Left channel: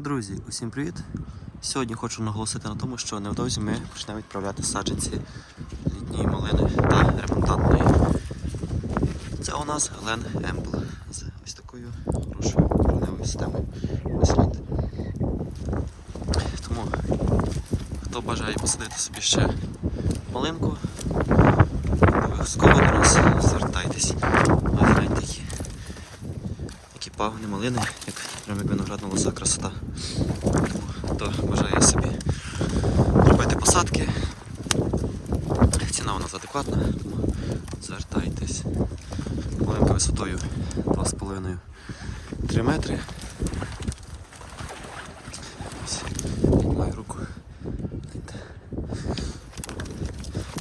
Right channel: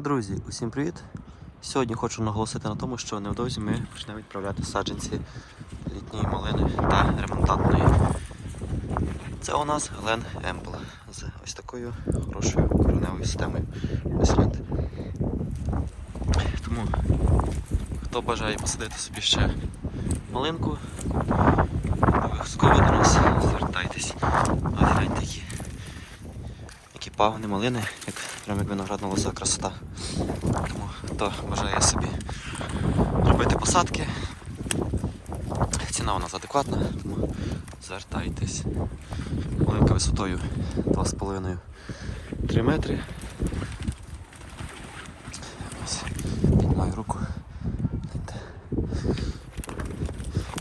Друзі, усім привіт! Сьогодні хочу наголосити на тому, що невдовзі ми почнемо відправляти саджанці літньої малини та ремонтантної. Це у нас Глен Емпл з ось такою хорошою кореневою системою вислід. Тому, хто бажає посадити собі ще малинку, обов'язково до нас звертайтесь. Гляньте які. Які пагони малини, як прямо як виноградна красота. Тому хто бажає собі робити посадки, ціна у нас адекватна, тому звертайтесь. Малинка висотою 2,5-3 метри. Ось. Гляньте.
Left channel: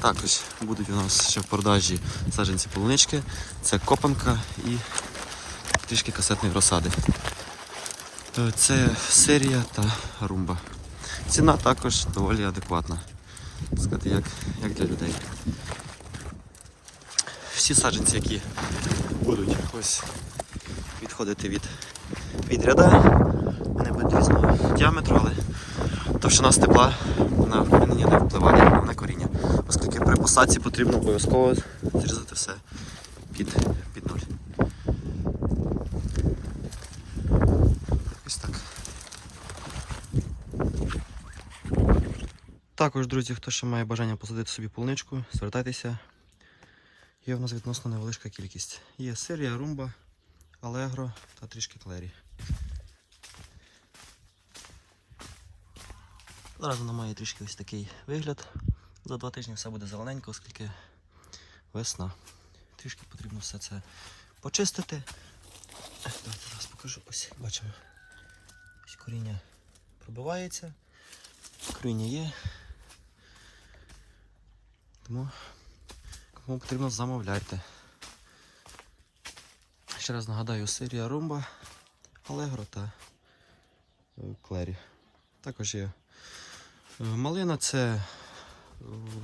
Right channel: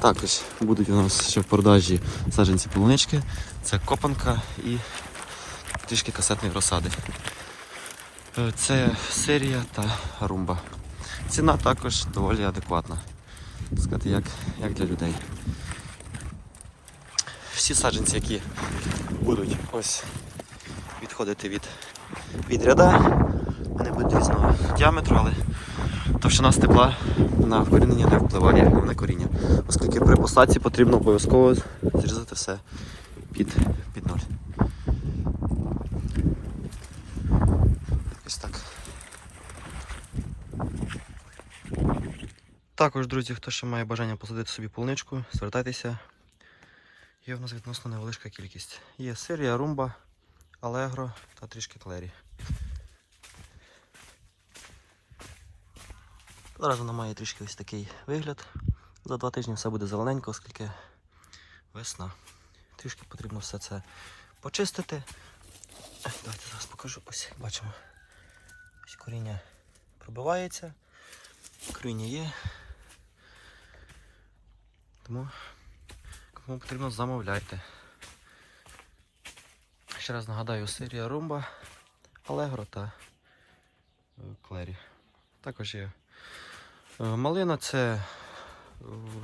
Також будуть у нас ще в продажі саджанці полунички. Це копанка і трішки касетної розсади. Е, Це серія та румба. Ціна також доволі адекватна. Сказати, як, як для людей. Всі саджанці, які будуть ось відходити від, від ряда, вони будуть різного діаметру, але товщина стебла на вкорінення не впливає на коріння. Оскільки при посадці потрібно обов'язково зрізати все під, під ноль. Ось так. Також, друзі, хто ще має бажання посадити собі полуничку, звертайтеся. Є в нас відносно невеличка кількість. Є серія, румба, алегро та трішки клері. Зараз вона має трішки ось такий вигляд. За два тижні все буде зелененько, оскільки весна. Трішки потрібно все це почистити. Давайте зараз покажу. Ось бачимо. Ось коріння пробивається. Коріння є. Тому кому потрібно замовляйте. Ще раз нагадаю, серія румба, алегро та клері. Також є е, малина, це е,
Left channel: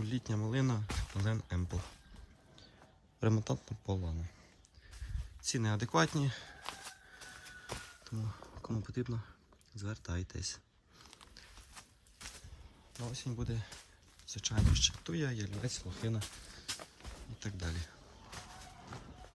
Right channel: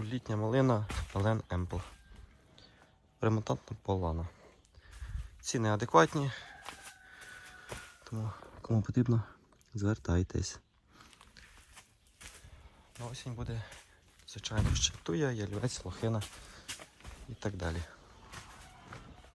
літня малина Лен Емпл. Ремонтантна полана. Ціни адекватні, тому кому потрібно, звертайтесь. На осінь буде, звичайно, ще туя, ялівець, лохина і так далі.